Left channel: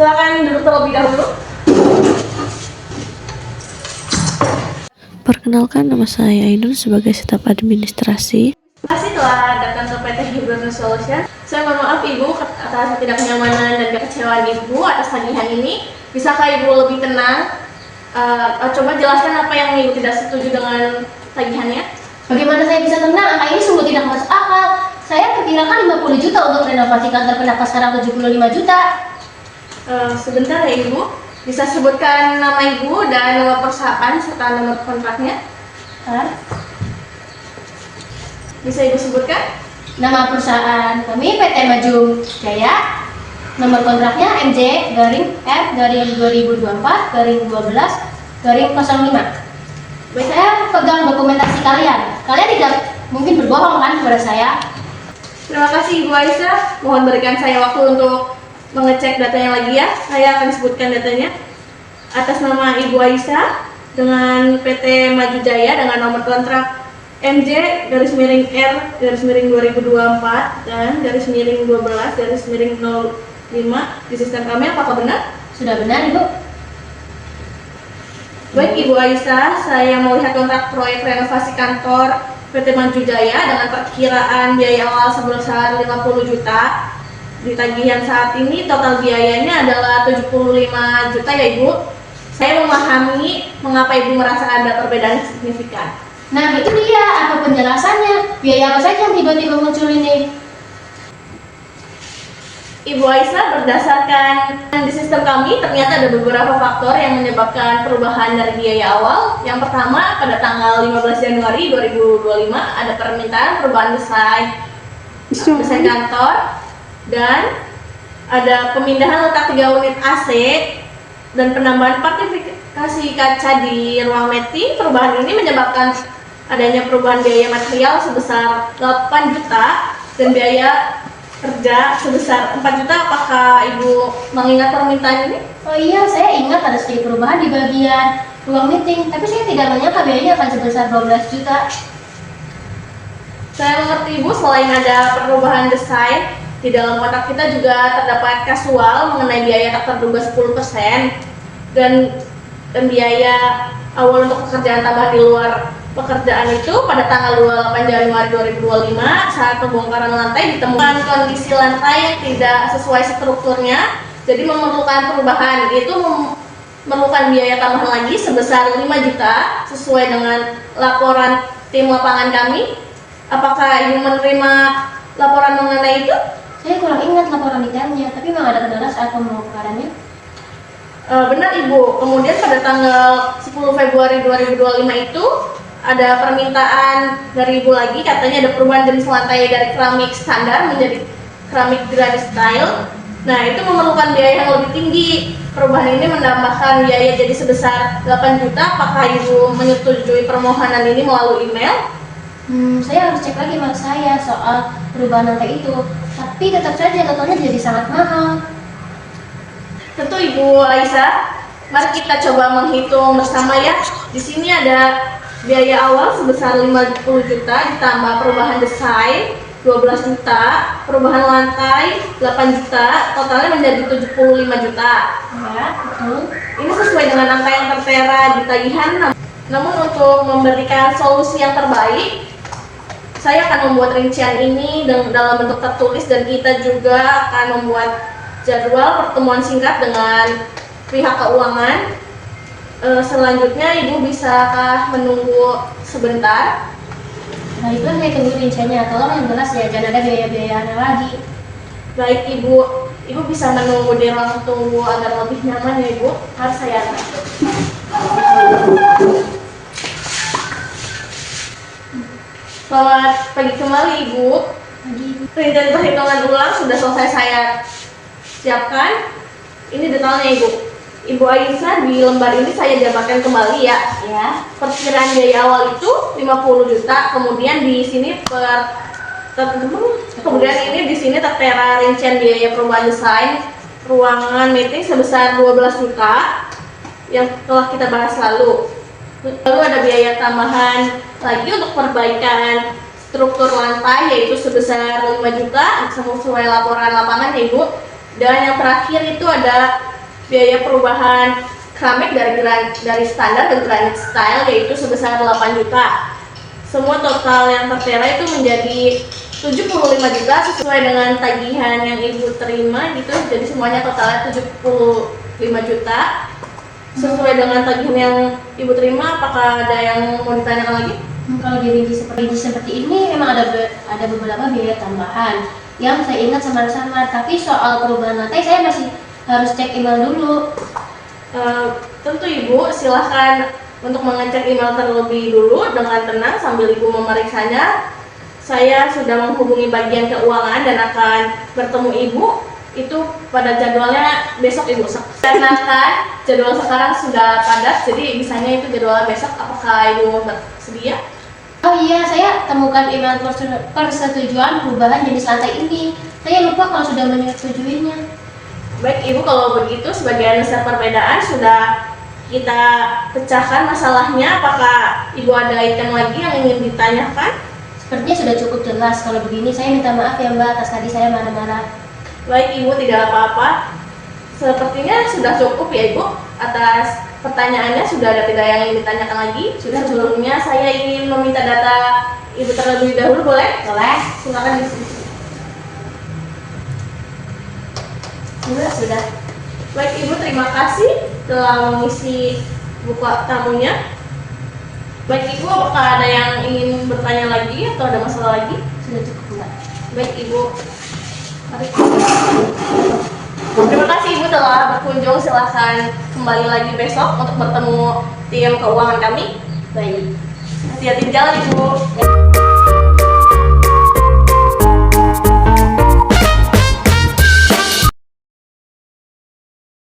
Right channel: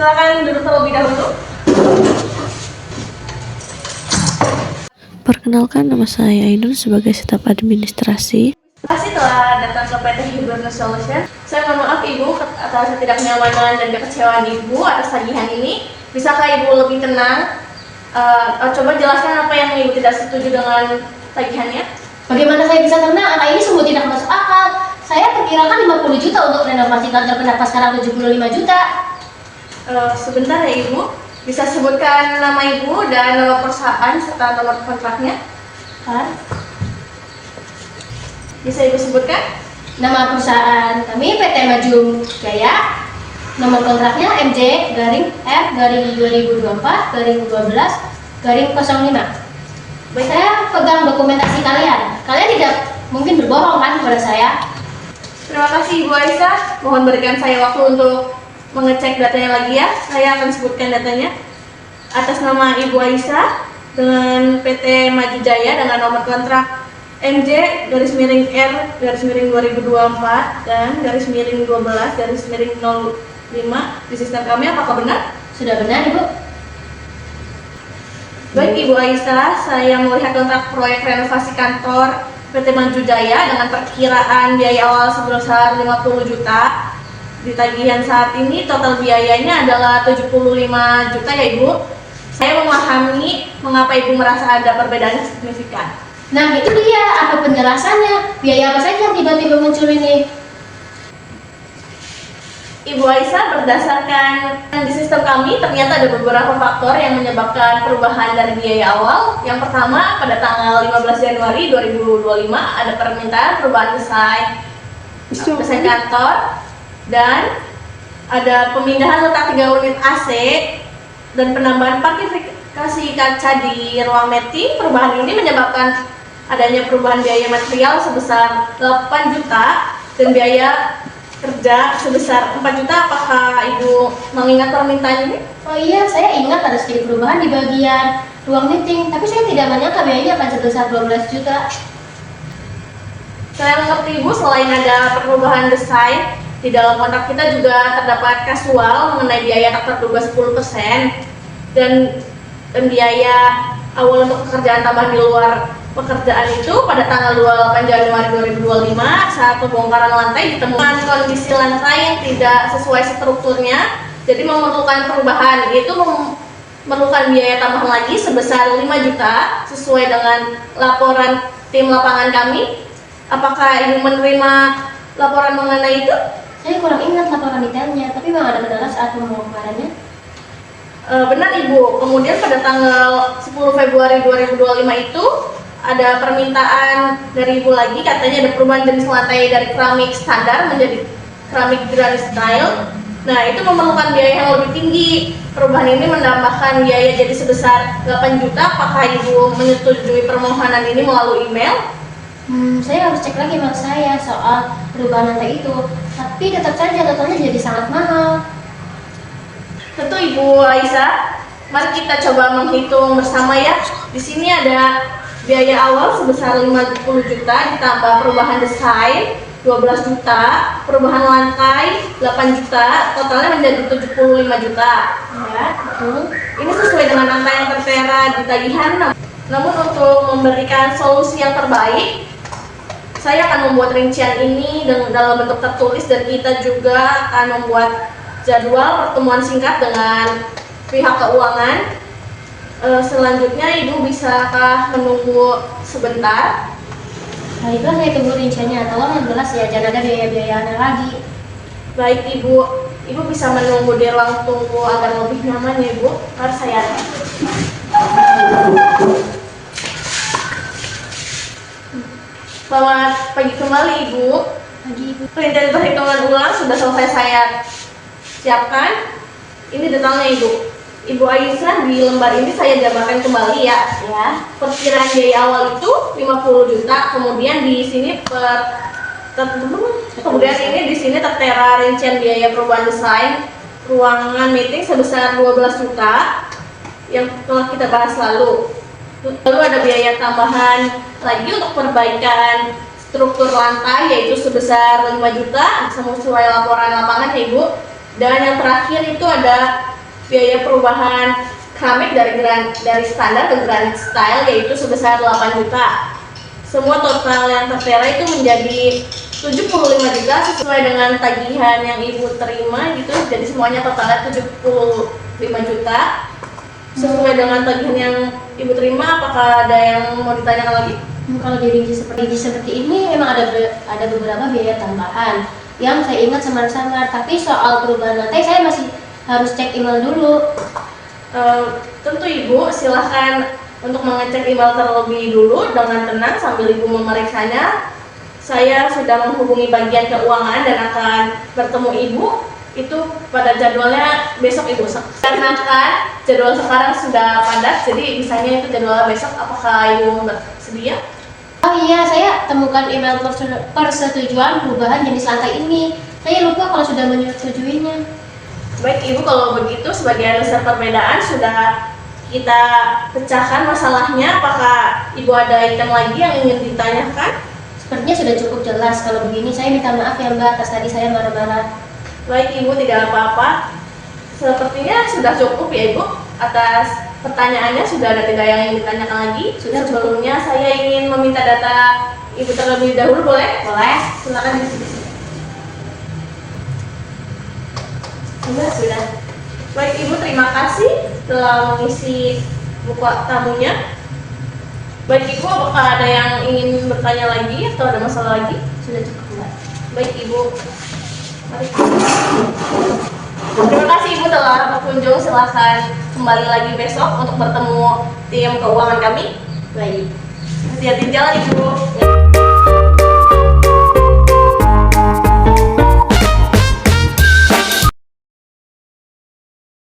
Silakan duduk terlebih dahulu. Perkenalkan, nama saya Ainun sebagai staf administrasi. Terima kasih telah datang ke PT Hibernus Solution. Saya mohon maaf Ibu atas ketidaknyamanan dan kekecewaan Ibu atas tagihan ini. Bisakah Ibu lebih tenang? Coba jelaskan apa yang Ibu tidak setuju dengan tagihannya. Bagaimana saya bisa tenang? Angka ini sungguh tidak masuk akal. Saya perkirakan 50 juta untuk renovasi kantor, kenapa sekarang 75 juta? Sebentar ya Ibu. Bisa sebutkan nama Ibu dan nama perusahaan serta nomor kontraknya? Bisa Ibu sebutkan? Nama perusahaan kami PT Maju Jaya. Nomor kontraknya MJ-2024-12-05. Baik, saya pegang dokumentasi kalian. Kalian tidak mungkin berbohong kan kepada saya? Terima kasih Ibu Aisyah. Mohon berikan saya waktu untuk mengecek datanya lagi ya. Saya akan sebutkan datanya. Atas nama Ibu Aisyah dengan PT Maju Jaya dengan nomor kontrak MJ-R-2024 dan -12-05 di sistem kami, apakah benar? Sudah benar, Ibu? Baik Ibu Aisyah, saya melihat kontrak proyek renovasi kantor PT Maju Jaya dengan perkiraan biaya awal sebesar 50 juta. Di tagihan saat ini total biayanya adalah 75 juta ya Ibu. Saya memahami mengapa Ibu merasa ada perbedaan yang signifikan. Nah itu dia, apa penjelasannya? Biaya apa saja yang tiba-tiba muncul ini? Ibu Aisyah, berdasarkan di sistem kami ternyata ada beberapa faktor yang menyebabkan perubahan dari biaya awal. Yang pertama, pada tanggal 15 Januari 2025 ada permintaan perubahan desain kantor dan ada pemindahan letak 3 unit AC dan penambahan partifikasi kaca di ruang meeting. Perubahan ini menyebabkan adanya perubahan biaya material sebesar 8 juta dan biaya kerja sebesar 4 juta. Apakah Ibu mengingat permintaan ini? Oh iya, saya ingat ada sedikit perubahan di bagian ruang meeting, tapi saya tidak menyangka biayanya akan sebesar 12 juta. Saya mengerti Ibu, selain ada perubahan desain, di dalam kontrak kita juga terdapat kasual mengenai biaya tak terduga 10% dan biaya awal untuk pekerjaan tambahan di luar pekerjaan itu pada tanggal 28 Januari 2025 saat pembongkaran lantai ditemukan kondisi lantai yang tidak sesuai strukturnya, jadi memerlukan perubahan, yaitu memerlukan biaya tambahan lagi sebesar 5 juta sesuai dengan laporan tim lapangan kami. Apakah Ibu menerima laporan mengenai itu? Saya kurang ingat laporan detailnya, tapi memang ada kendala saat pembongkarannya. Benar Ibu, kemudian pada tanggal 10 Februari 2025 itu ada permintaan dari Ibu lagi, katanya ada perubahan jenis lantai dari keramik standar menjadi keramik granit style. Nah itu memerlukan biaya yang lebih tinggi. Perubahan ini menambahkan biaya jadi sebesar 8 juta. Apakah Ibu menyetujui permohonan ini melalui email? Saya harus cek lagi mas saya soal perubahan lantai itu, tapi tetap saja totalnya jadi sangat mahal. Tentu Ibu Aisyah, mari kita coba menghitung bersama ya. Di sini ada biaya awal sebesar 50 juta ditambah perubahan desain 12 juta, perubahan lantai 8 juta, totalnya menjadi 75 juta. Ya, betul. Ini sesuai dengan angka yang tertera di tagihan. Namun untuk memberikan solusi yang terbaik, saya akan membuat rincian ini dalam bentuk tertulis dan kita juga akan membuat jadwal pertemuan singkat dengan pihak keuangan. Selanjutnya Ibu bisakah menunggu sebentar? Baiklah, saya tunggu rinciannya. Tolong yang jelas ya, jangan ada biaya-biaya aneh lagi. Baik Ibu bisa menunggu di ruang tunggu agar lebih nyaman ya Ibu. Mari saya antar. Selamat pagi kembali Ibu. Pagi Ibu. Rincian perhitungan ulang sudah selesai saya siapkan. Ini detailnya Ibu. Ibu Aisyah, di lembar ini saya jabarkan kembali ya. Ya. Perkiraan biaya awal itu 50 juta, kemudian di sini kemudian ini di sini tertera rincian biaya perubahan desain ruangan meeting sebesar 12 juta yang telah kita bahas lalu. Lalu ada biaya tambahan lagi untuk perbaikan struktur lantai yaitu sebesar 5 juta sesuai laporan lapangan ya Ibu. Dan yang terakhir itu ada biaya perubahan keramik dari standar ke granit style yaitu sebesar 8 juta. Semua total yang tertera itu menjadi 75 juta sesuai dengan tagihan yang ibu terima gitu. Jadi semuanya totalnya 75 juta. Sesuai dengan tagihan yang ibu terima, apakah ada yang mau ditanyakan lagi? Kalau dirinci seperti ini memang ada beberapa biaya tambahan yang saya ingat samar-samar, tapi soal perubahan lantai saya masih harus cek email dulu. Tentu ibu silahkan untuk mengecek email terlebih dulu dengan tenang sambil ibu memeriksanya. Saya sudah menghubungi bagian keuangan dan akan bertemu ibu itu pada jadwalnya besok ibu. Karena kan jadwal sekarang sudah padat, jadi misalnya itu jadwalnya besok. Apakah ibu bersedia? Oh iya, saya temukan email persetujuan perubahan jenis lantai ini. Saya lupa kalau sudah menyetujuinya. Baik ibu, kalau begitu sebagai dasar perbedaan sudah kita pecahkan masalahnya. Apakah ibu ada item lagi yang ingin ditanyakan? Sepertinya sudah cukup jelas. Kalau begini saya minta maaf ya Mbak atas tadi saya marah-marah. Baik ibu, tidak apa-apa. Sepertinya sudah cukup ya ibu. Atas pertanyaannya sudah ada tidak yang ingin ditanyakan lagi? Sudah. Sebelumnya saya ingin meminta data ibu terlebih dahulu, boleh? Boleh? Silakan di sini. Sudah. Baik ibu, terima kasih telah mengisi buku tamunya. Baik ibu, apakah ada yang ingin bertanya lagi atau ada masalah lagi? Sudah cukup Mbak. Baik ibu, mari. Terima kasih ibu telah berkunjung. Silahkan kembali lagi besok untuk bertemu tim keuangan kami. Baik. Hati-hati di jalan ibu. Ya.